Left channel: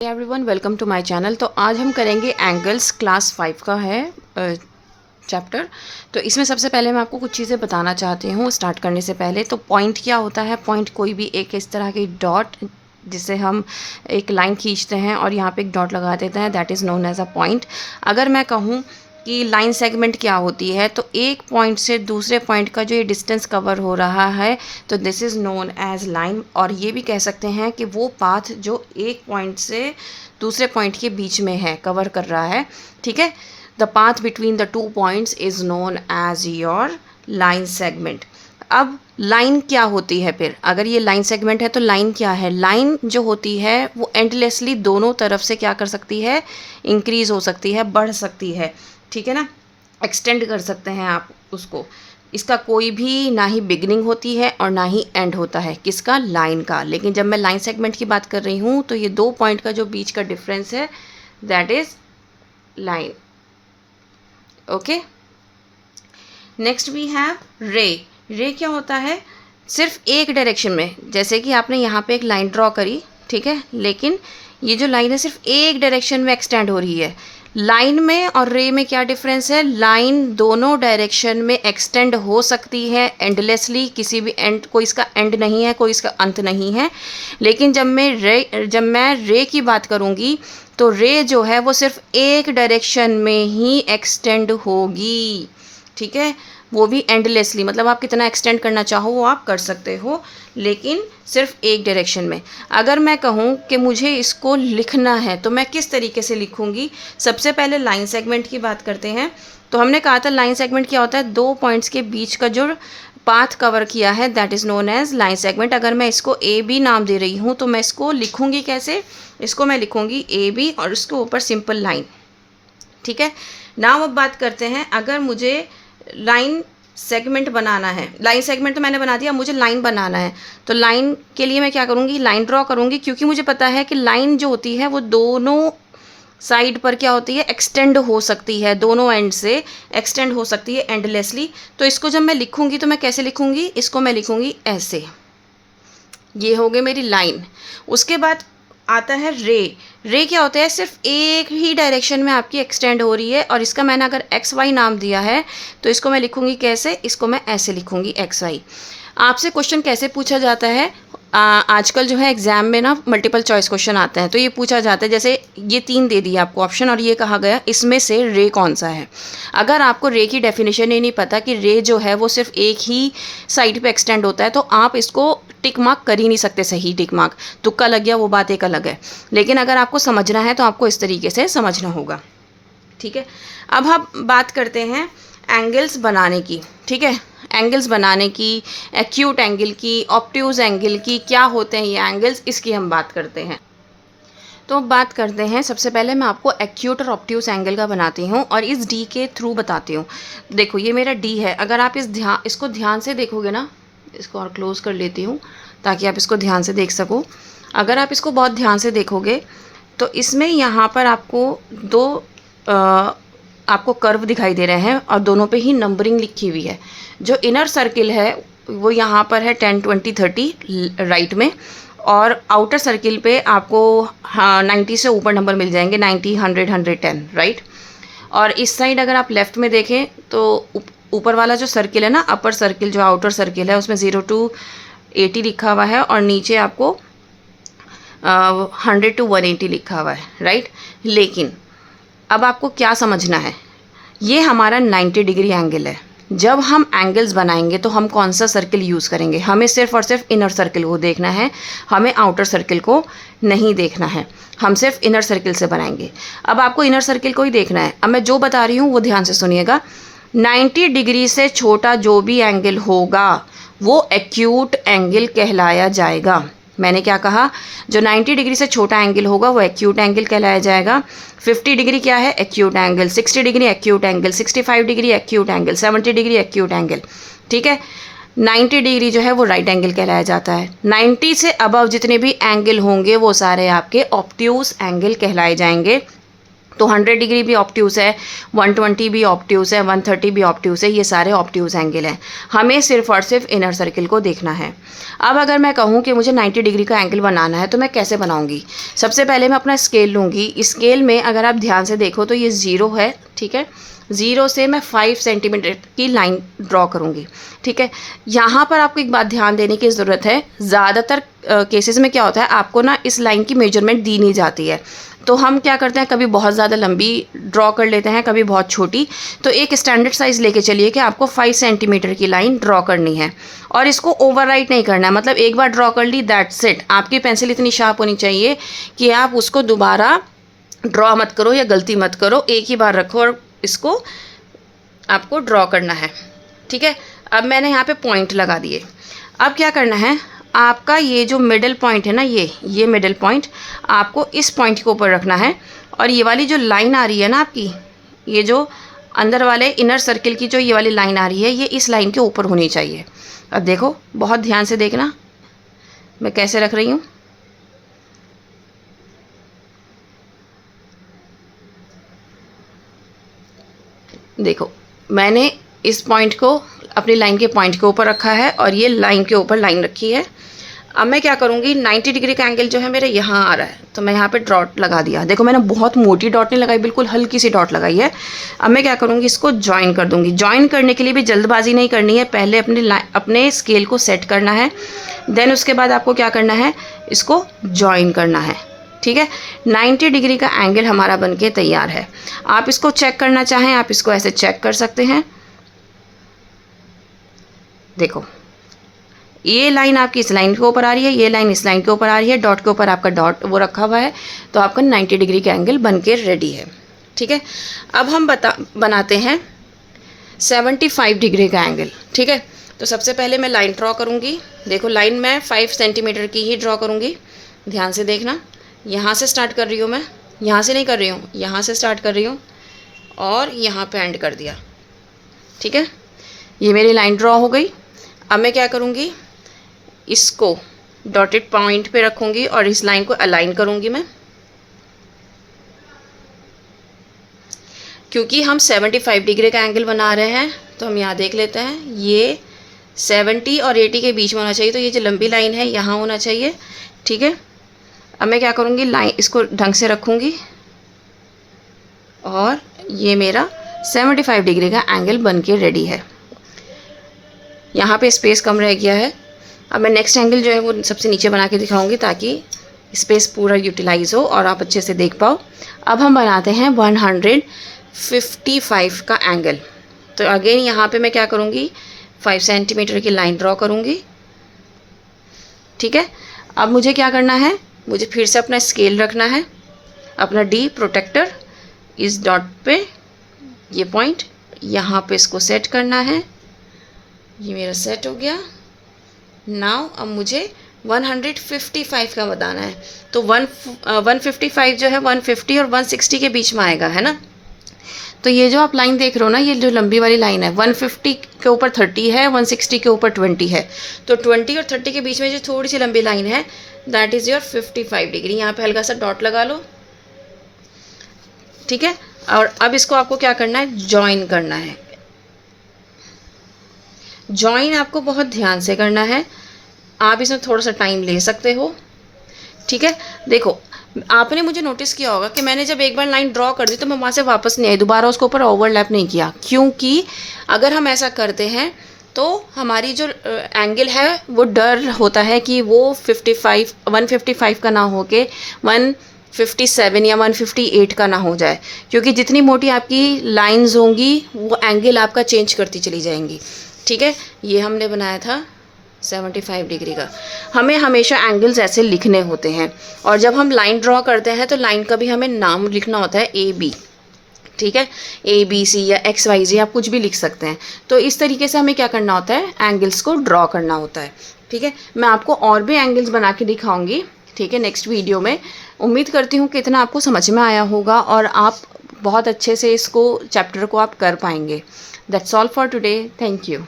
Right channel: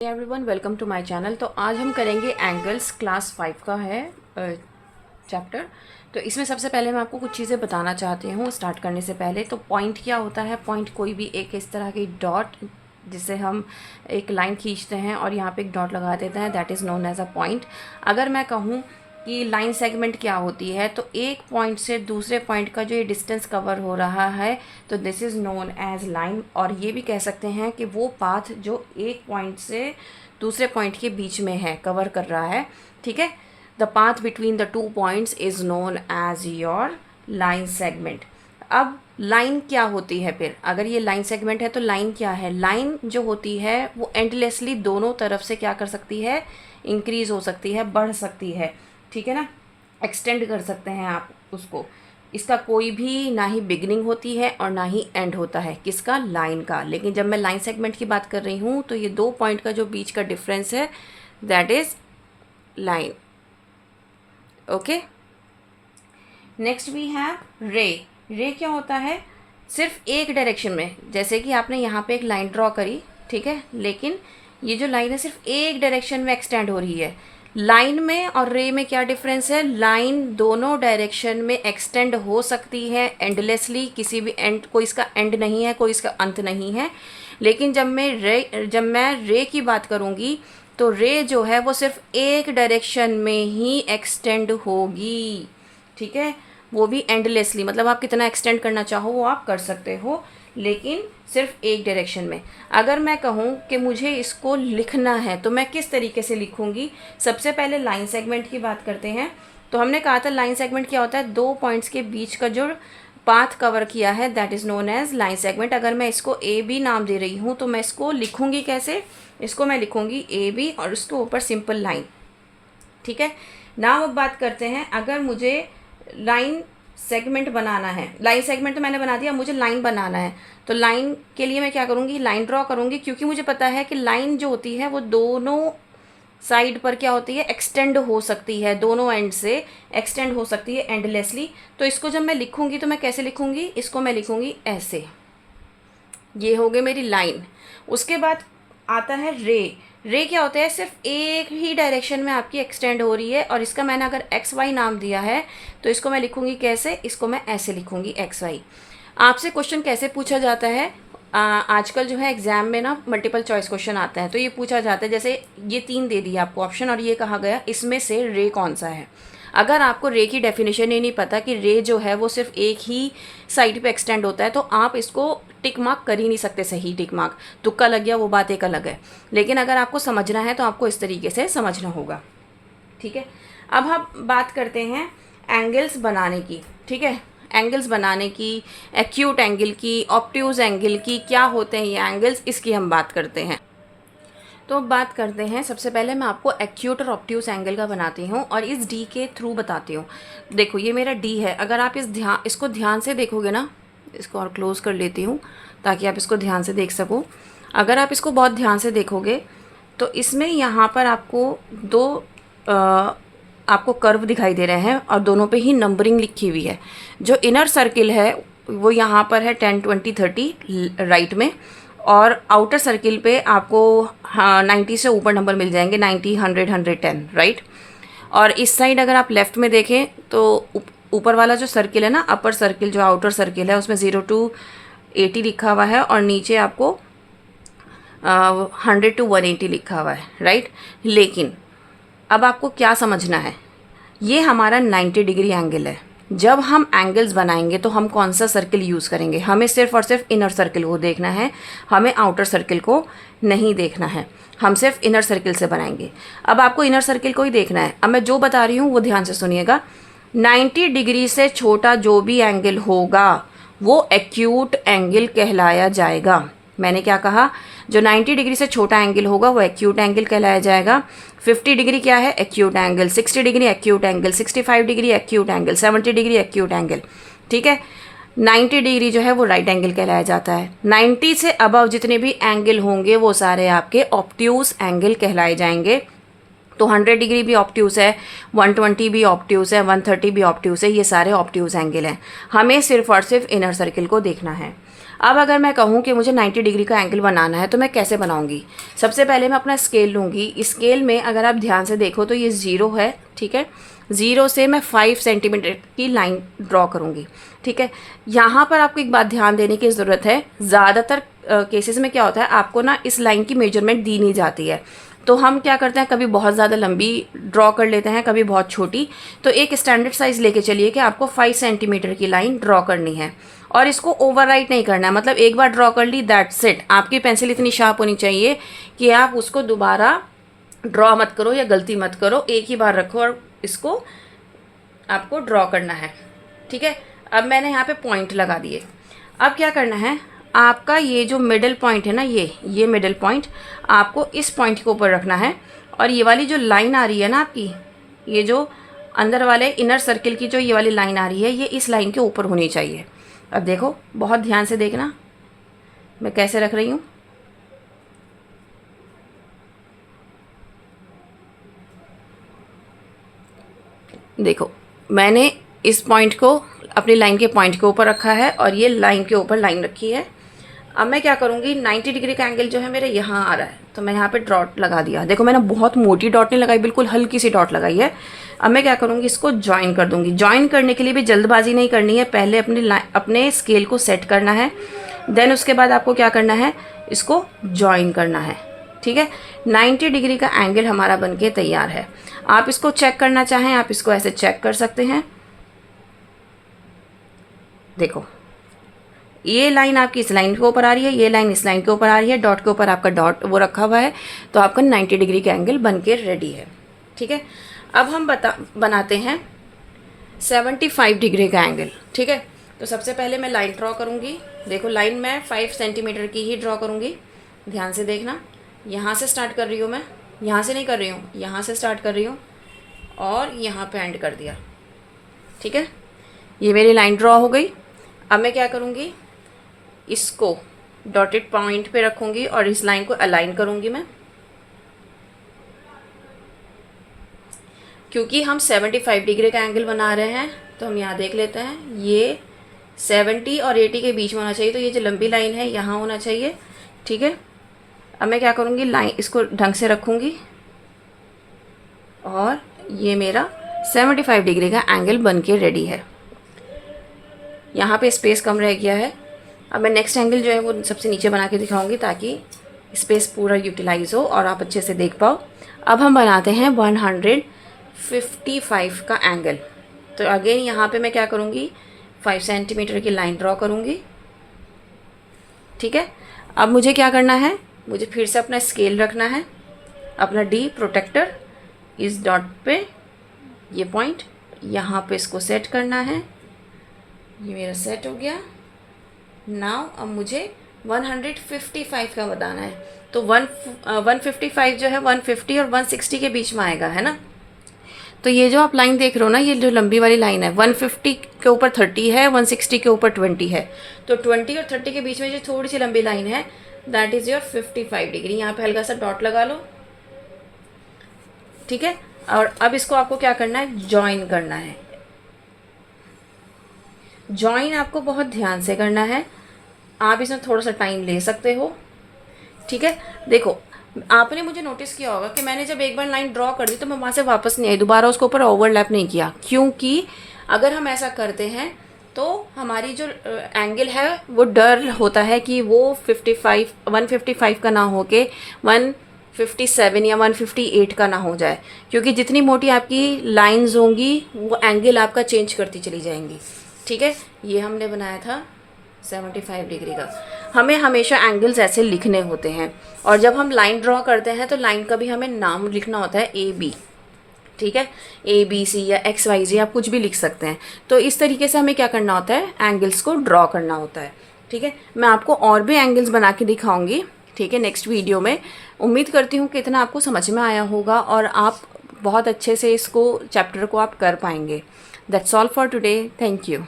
Everyone welcome to my channel. तो आज हम करेंगे एंगल्स, क्लास 5 का है चैप्टर। तो इसमें सबसे पहले मैं आपको कुछ चीज़ें बताना चाहती हूँ स्टार्ट करने से पहले। तो पॉइंट क्या होता है? पॉइंट कोई भी एक इस तरह की डॉट जिसे हम एक लाइन खींचते हैं और यहाँ पे एक डॉट लगा देते हैं, that is known as a point. अगर मैं कहूँ कि लाइन सेगमेंट क्या होती है, तो एक पॉइंट से दूसरे पॉइंट का जो ये डिस्टेंस कवर हो रहा है, तो this is known as line. और ये भी कह सकते हैं कि वो पाथ जो एक पॉइंट से दूसरे पॉइंट के बीच में है, कवर कर रहा है, ठीक है। The path between the two points is known as your line segment. अब लाइन क्या होती है फिर? अगर ये लाइन सेगमेंट है तो लाइन क्या है? लाइन जो होती है वो एंडलेसली दोनों तरफ से क्या कर सकती है? इंक्रीज़ हो सकती है, बढ़ सकती है, ठीक है ना। एक्सटेंड कर सकते हैं आप उसको। इसका कोई भी ना ही बिगिनिंग होती है और ना ही एंड होता है, किसका? लाइन का। लेकिन जब मैं लाइन सेगमेंट की बात कर रही हूँ तो ये दो पॉइंट का जो बीच का डिफरेंस है, that is line. Okay, next we have ray. Ray क्या होता है? सिर्फ एक डायरेक्शन में, जैसे कि आपने यहाँ पे एक लाइन ड्रॉ करी, ठीक है, लेकिन ये जो लाइन है सिर्फ एक डायरेक्शन में एक्सटेंड हो रही है। लाइन में और रे में क्या डिफरेंस है? लाइन दोनों डायरेक्शन में एक्सटेंड हो सकती है एंडलेसली, किसी भी एंड, कोई इसका एंड नहीं है, कोई इसका अंत नहीं है। लेकिन जब मैं रे की बात करूँगी तो रे जो है वो सिर्फ एक डायरेक्शन में ही एक्सटेंड होगी, ठीक है। वो भी एंडलेसली, मतलब आप कितना एक्सटेंड करना चाहो वो आप कर सकते हो, लेकिन सिर्फ एक डायरेक्शन में। अगर मैं कहूँ कि मुझे इसको लिखना है तो मैं किस तरीके से लिखूँगी? सबसे पहले लाइन सेगमेंट की बात करते हैं। तो हमने कहा था लाइन सेगमेंट क्या होता है? दो पॉइंट्स के बीच का जो पाथ कवर किया है, that is known as line segment. अगर मैं इसको ए बी नाम दे रही हूँ तो मैं इसको लिखूँगी कैसे? इसको मैं लिखूँगी ए बी और उसके ऊपर सिंपल लाइन, ठीक है। नाउ अब बात करते हैं, अगर मुझे लाइन सेगमेंट बनाना है, लाइन सेगमेंट तो मैंने बना दिया, मुझे लाइन बनाना है, तो लाइन के लिए मैं क्या करूँगी? लाइन ड्रॉ करूँगी, क्योंकि मुझे पता है कि लाइन जो होती है वो दोनों साइड पर क्या होती है? एक्सटेंड हो सकती है, दोनों एंड से एक्सटेंड हो सकती है एंडलेसली। तो इसको जब मैं लिखूँगी तो मैं कैसे लिखूँगी? इसको मैं लिखूँगी ऐसे। ये हो गई मेरी लाइन। उसके बाद आता है रे। रे क्या होता है? सिर्फ एक ही डायरेक्शन में आपकी एक्सटेंड हो रही है, और इसका मैंने अगर एक्स वाई नाम दिया है तो इसको मैं लिखूँगी कैसे? इसको मैं ऐसे लिखूँगी, एक्स वाई। आपसे क्वेश्चन कैसे पूछा जाता है? आजकल जो है एग्ज़ाम में ना मल्टीपल चॉइस क्वेश्चन आते हैं, तो ये पूछा जाता है, जैसे ये तीन दे दिए आपको ऑप्शन और ये कहा गया इसमें से रे कौन सा है। अगर आपको रे की डेफिनेशन ही नहीं पता कि रे जो है वो सिर्फ एक ही साइड पे एक्सटेंड होता है, तो आप इसको टिक मार्क कर ही नहीं सकते, सही टिक मार्क। तुक्का लग गया वो बात एक अलग है, लेकिन अगर आपको समझना है तो आपको इस तरीके से समझना होगा, ठीक है। अब हम बात करते हैं एंगल्स बनाने की, ठीक है। एंगल्स बनाने की, एक्यूट एंगल की, ऑब्ट्यूज एंगल की, क्या होते हैं ये एंगल्स, इसकी हम बात करते हैं। तो बात करते हैं, सबसे पहले मैं आपको एक्यूट और ऑब्ट्यूज एंगल का बनाती हूँ और इस डी के थ्रू बताती हूँ। देखो ये मेरा डी है, अगर आप इसको ध्यान से देखोगे ना, इसको और क्लोज कर लेती हूँ ताकि आप इसको ध्यान से देख सको। अगर आप इसको बहुत ध्यान से देखोगे तो इसमें यहाँ पर आपको दो आपको कर्व दिखाई दे रहे हैं और दोनों पे ही नंबरिंग लिखी हुई है। जो इनर सर्किल है वो यहाँ पर है 10 20 30 राइट में, और आउटर सर्किल पे आपको 90 से ऊपर नंबर मिल जाएंगे, 90 100 110 राइट। और इस साइड अगर आप लेफ़्ट में देखें तो ऊपर वाला जो सर्किल है ना, अपर सर्किल जो आउटर सर्किल है, उसमें 0 to 80 लिखा हुआ है और नीचे आपको 100 to 180 लिखा हुआ है, राइट। लेकिन अब आपको क्या समझना है, ये हमारा 90 डिग्री एंगल है। जब हम एंगल्स बनाएंगे तो हम कौन सा सर्किल यूज़ करेंगे? हमें सिर्फ और सिर्फ इनर सर्किल को देखना है, हमें आउटर सर्किल को नहीं देखना है। हम सिर्फ इनर सर्किल से बनाएंगे। अब आपको इनर सर्किल को ही देखना है। अब मैं जो बता रही हूँ वो ध्यान से सुनिएगा। 90 डिग्री से छोटा जो भी एंगल होगा वो एक्यूट एंगल कहलाया जाएगा। मैंने क्या कहा? जो 90 डिग्री से छोटा एंगल होगा वो एक्यूट एंगल कहलाया जाएगा। 50 डिग्री क्या है? Acute angle. 60 degree acute angle. 65 degree acute angle. 70 degree acute angle, ठीक है। 90 डिग्री जो है वो राइट एंगल कहलाया जाता है। 90 से अबव जितने भी एंगल होंगे वो सारे आपके ऑब्ट्यूज एंगल कहलाए जाएंगे। तो 100 डिग्री भी ऑब्ट्यूज़ है, 120 भी ऑब्ट्यूज़ है, 130 भी ऑब्ट्यूज़ है, ये सारे ऑब्ट्यूज़ एंगल हैं। हमें सिर्फ और सिर्फ इनर सर्किल को देखना है। अब अगर मैं कहूँ कि मुझे 90 डिग्री का एंगल बनाना है तो मैं कैसे बनाऊँगी? सबसे पहले मैं अपना स्केल लूँगी। स्केल में अगर आप ध्यान से देखो तो ये 0 है, ठीक है। 0 से मैं 5 सेंटीमीटर की लाइन ड्रॉ करूँगी, ठीक है। यहाँ पर आपको एक बात ध्यान देने की ज़रूरत है, ज़्यादातर केसेस में क्या होता है, आपको ना इस लाइन की मेजरमेंट दी नहीं जाती है। तो हम क्या करते हैं, कभी बहुत ज़्यादा लंबी ड्रॉ कर लेते हैं, कभी बहुत छोटी। तो एक स्टैंडर्ड साइज़ लेके चलिए कि आपको 5 सेंटीमीटर की लाइन ड्रॉ करनी है और इसको ओवरराइट नहीं करना है। मतलब एक बार ड्रॉ कर ली, दैट्स इट। आपकी पेंसिल इतनी शार्प होनी चाहिए कि आप उसको दोबारा ड्रॉ मत करो या गलती मत करो, एक ही बार रखो और इसको आपको ड्रॉ करना है, ठीक है। अब मैंने यहाँ पे पॉइंट लगा दिए। अब क्या करना है, आपका ये जो मिडल पॉइंट है ना, ये मिडल पॉइंट आपको इस पॉइंट के ऊपर रखना है और ये वाली जो लाइन आ रही है ना आपकी, ये जो अंदर वाले इनर सर्किल की जो ये वाली लाइन आ रही है, ये इस लाइन के ऊपर होनी चाहिए। अब देखो, बहुत ध्यान से देखना मैं कैसे रख रही हूँ। देखो, मैंने इस पॉइंट को अपनी लाइन के पॉइंट के ऊपर रखा है और ये लाइन के ऊपर लाइन रखी है। अब मैं क्या करूँगी, 90 डिग्री का एंगल जो है मेरा यहाँ आ रहा है, तो मैं यहाँ पे डॉट लगा दिया। देखो, मैंने बहुत मोटी डॉट नहीं लगाई, बिल्कुल हल्की सी डॉट लगाई है। अब मैं क्या करूँगी, इसको ज्वाइन कर दूँगी। ज्वाइन करने के लिए भी जल्दबाजी नहीं करनी है, पहले अपने स्केल को सेट करना है, देन उसके बाद आपको क्या करना है, इसको ज्वाइन करना है, ठीक है। 90 डिग्री का एंगल हमारा बनके तैयार है। आप इसको चेक करना चाहें, आप इसको ऐसे चेक कर सकते हैं। देखो, ये लाइन आपकी इस लाइन के ऊपर आ रही है, ये लाइन इस लाइन के ऊपर आ रही है, डॉट के ऊपर आपका डॉट वो रखा हुआ है, तो आपका 90 डिग्री का एंगल बन के रेडी है, ठीक है। अब हम बनाते हैं 75 डिग्री का एंगल, ठीक है। तो सबसे पहले मैं लाइन ड्रॉ करूँगी। देखो, लाइन मैं 5 सेंटीमीटर की ही ड्रॉ करूँगी, ध्यान से देखना। यहाँ से स्टार्ट कर रही हूँ मैं, यहाँ से नहीं कर रही हूँ, यहाँ से स्टार्ट कर रही हूँ और यहाँ पे एंड कर दिया, ठीक है। ये मेरी लाइन ड्रॉ हो गई। अब मैं क्या करूँगी, इसको डॉटेड पॉइंट पे रखूँगी और इस लाइन को अलाइन करूँगी मैं, क्योंकि हम 75 डिग्री का एंगल बना रहे हैं। तो हम यहाँ देख लेते हैं, ये 70 और 80 के बीच में होना चाहिए, तो ये जो लंबी लाइन है यहाँ होना चाहिए, ठीक है। अब मैं क्या करूँगी, लाइन इसको ढंग से रखूँगी और ये मेरा 75 डिग्री का एंगल बन के रेडी है। यहाँ पे स्पेस कम रह गया है। अब मैं नेक्स्ट एंगल जो है वो सबसे नीचे बना के दिखाऊंगी ताकि स्पेस पूरा यूटिलाइज हो और आप अच्छे से देख पाओ। अब हम बनाते हैं 155 का एंगल। तो अगेन यहाँ पे मैं क्या करूँगी, 5 सेंटीमीटर की लाइन ड्रॉ करूँगी, ठीक है। अब मुझे क्या करना है, मुझे फिर से अपना स्केल रखना है, अपना डी प्रोटेक्टर इस डॉट पे, ये पॉइंट यहाँ पे इसको सेट करना है। ये मेरा सेट हो गया। नाउ अब मुझे 155 का बताना है। तो 155 जो है 150 और 160 के बीच में आएगा, है ना। तो ये जो आप लाइन देख रहे हो ना, ये जो लंबी वाली लाइन है, 150 के ऊपर 30 है, 160 के ऊपर 20 है। तो 20 और 30 के बीच में जो थोड़ी सी लंबी लाइन है, दैट इज़ योर 55 डिग्री। यहाँ पे हल्का सा डॉट लगा लो, ठीक है। और अब इसको आपको क्या करना है, जॉइन करना है। जॉइन आपको बहुत ध्यान से करना है, आप इसमें थोड़ा सा टाइम ले सकते हो, ठीक है। देखो, आपने मुझे नोटिस किया होगा कि मैंने जब एक बार लाइन ड्रॉ कर दी तो मैं वहाँ से वापस नहीं आई, दोबारा उसके ऊपर ओवरलैप नहीं किया, क्योंकि अगर हम ऐसा करते हैं तो हमारी जो एंगल है वो डर होता है कि वो 155 का ना हो के 157 या 158 का ना हो जाए, क्योंकि जितनी मोटी आपकी लाइंस होंगी वो एंगल आपका चेंज करती चली जाएंगी, ठीक है। ये हमने बनाया था 75 डिग्री का। हमें हमेशा एंगल्स ऐसे लिखने होते हैं, और जब हम लाइन ड्रॉ करते हैं तो लाइन का भी हमें नाम लिखना होता है, AB, ठीक है। ABC या XYZ आप कुछ भी लिख सकते हैं। तो इस तरीके से हमें क्या करना होता है, एंगल्स को ड्रॉ करना होता है, ठीक है। मैं आपको और भी एंगल्स बना के दिखाऊंगी, ठीक है, नेक्स्ट वीडियो में। उम्मीद करती हूँ कि इतना आपको समझ में आया होगा और आप बहुत अच्छे से इसको चैप्टर को आप कर पाएंगे। That's all for today, thank you.